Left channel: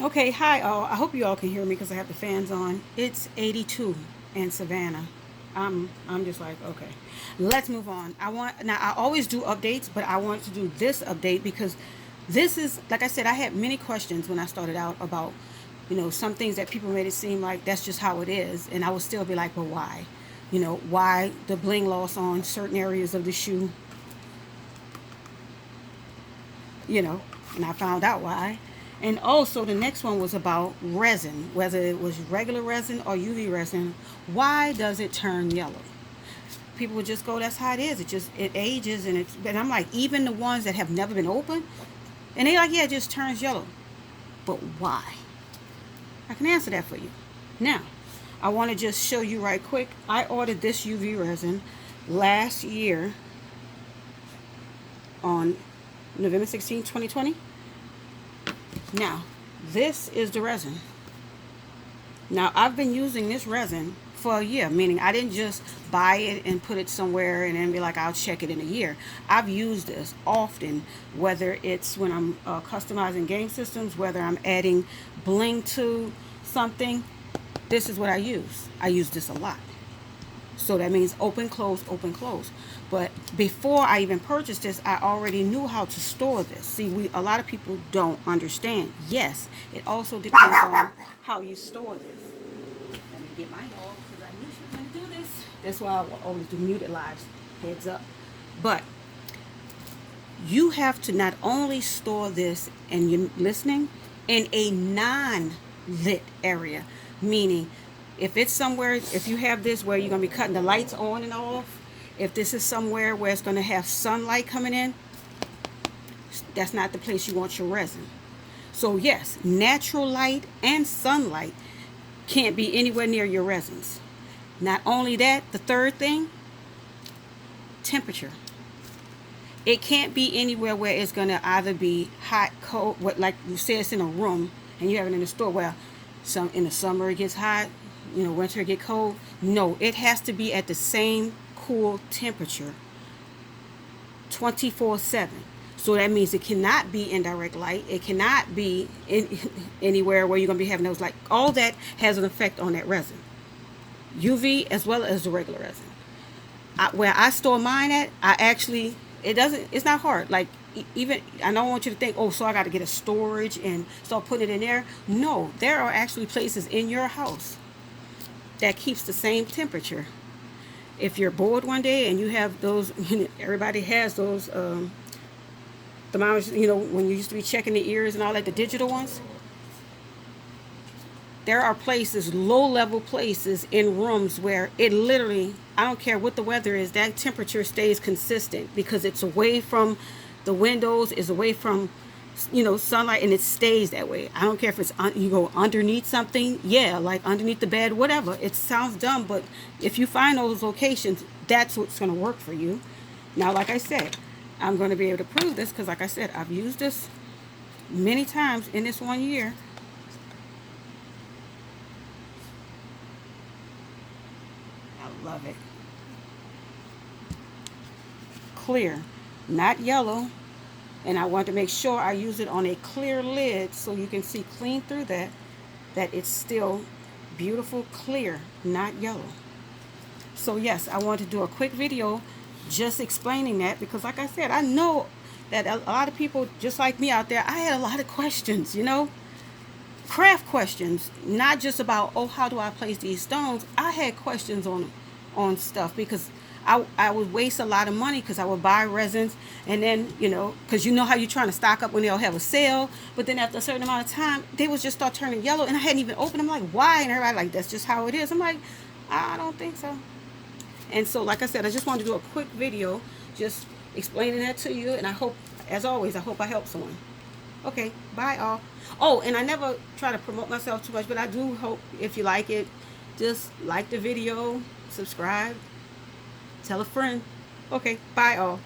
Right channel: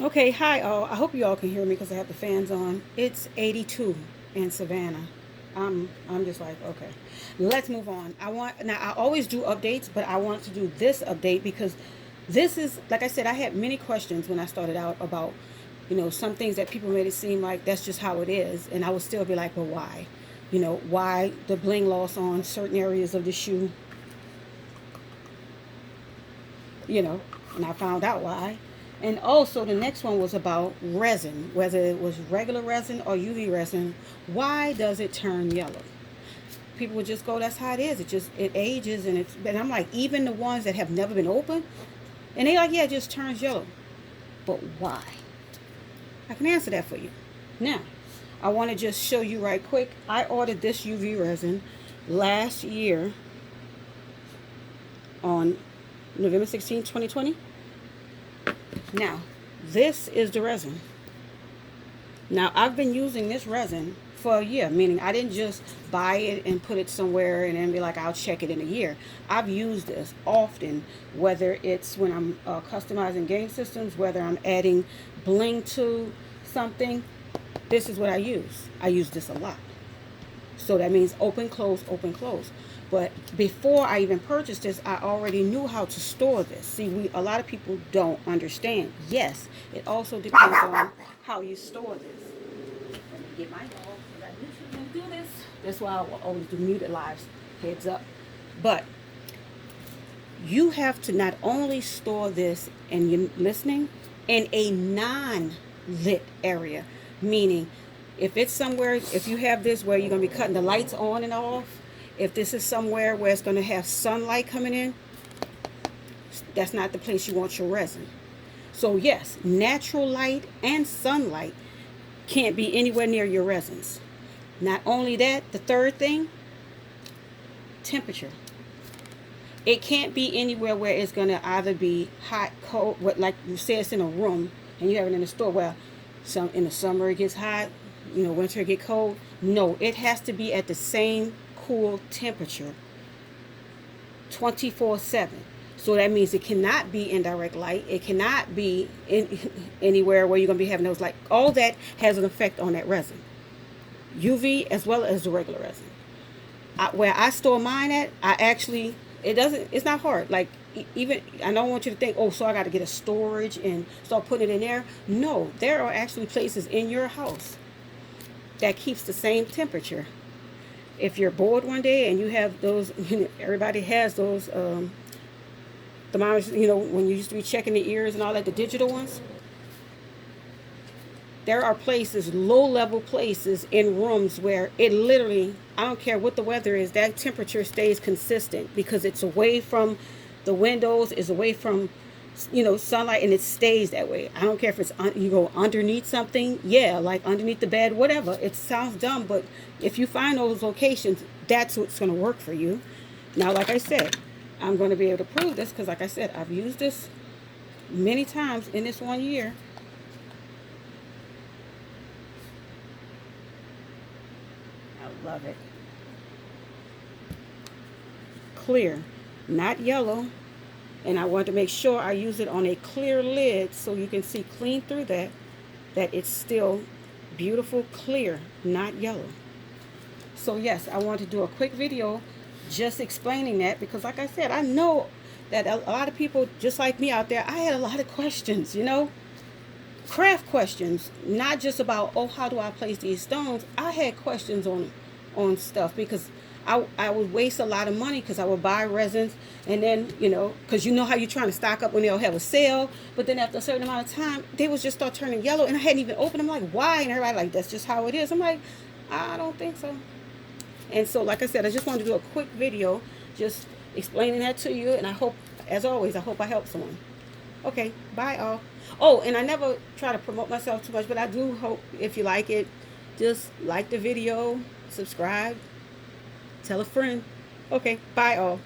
Okay, hi all. I hope you all can hear me because I have the fans on. It's 82 in Savannah. I'm just like, okay. Let's move on. I always do updates, but I want to do this update because this is, like I said, I had many questions when I started out about, some things that people made it seem like that's just how it is, and I would still be like, well, why? Why the bling loss on certain areas of the shoe, you know, and I found out why. And also, the next one was about resin, whether it was regular resin or UV resin. Why does it turn yellow? People would just go, "That's how it is. It ages," and it's. But I'm like, even the ones that have never been opened, and they like, "Yeah, it just turns yellow." But why? I can answer that for you. Now, I want to just show you right quick. I ordered this UV resin last year on November 16, 2020. Now, this is the resin. Now, I've been using this resin for a year, meaning I didn't just buy it and put it somewhere and then be like, I'll check it in a year. I've used this often, whether it's when I'm customizing game systems, whether I'm adding bling to something. This is what I use. I use this a lot. So that means open, close, open, close. But before I even purchased this, I already knew how to store this. See, a lot of people don't understand. Yes, it also depends on how you store this. Let me get my dog because I usually don't do this. That's why I always do muted lives. Heads up. But you have to not only store this and you're listening in a non-lit area, meaning if it's somewhere, if you have this where you're going to be cutting the lights on and off, if this is somewhere where it's going to have sunlight coming in, that's not the place you want your resin. So yes, natural light and sunlight can't be anywhere near your resins. Not only that, the third thing, temperature. It can't be anywhere where it's going to either be hot, cold, what like you say it's in a room and you have it in a store where some in the summer it gets hot, winter it get cold. No, it has to be at the same cool temperature 24/7. So that means it cannot be in direct light. It cannot be in anywhere where you're going to be having those light. All that has an effect on that resin. UV as well as the regular resin. Where I store mine at, I actually it's not hard. Like even I don't want you to think, oh, so I got to get a storage and start putting it in there. No, there are actually places in your house that keeps the same temperature. If you're bored one day and you have those, everybody has those thermometers. When you used to be checking the ears and all that, the digital ones. There are places, low level places in rooms where it literally, I don't care what the weather is, that temperature stays consistent because it's away from the windows, is away from, sunlight, and it stays that way. I don't care if you go underneath something, yeah, like underneath the bed, whatever. It sounds dumb, but if you find those locations, that's what's going to work for you. Now, like I said, I'm going to be able to prove this because, like I said, I've used this many times in this one year. I love it. Clear, not yellow. And I want to make sure I use it on a clear lid so you can see clean through that it's still beautiful, clear, not yellow. So yes, I want to do a quick video just explaining that because like I said, I know that a lot of people just like me out there, I had a lot of questions, craft questions, not just about, oh, how do I place these stones. I had questions on stuff because I would waste a lot of money because I would buy resins and then, because you know how you're trying to stock up when they'll have a sale, but then after a certain amount of time, they would just start turning yellow and I hadn't even opened them. Like, why? And everybody like, that's just how it is. I'm like, I don't think so. And so, like I said, I just wanted to do a quick video just explaining that to you. And I hope, as always, I hope I help someone. Okay, bye all. Oh, and I never try to promote myself too much, but I do hope if you like it, just like the video, subscribe, tell a friend. Okay, bye all.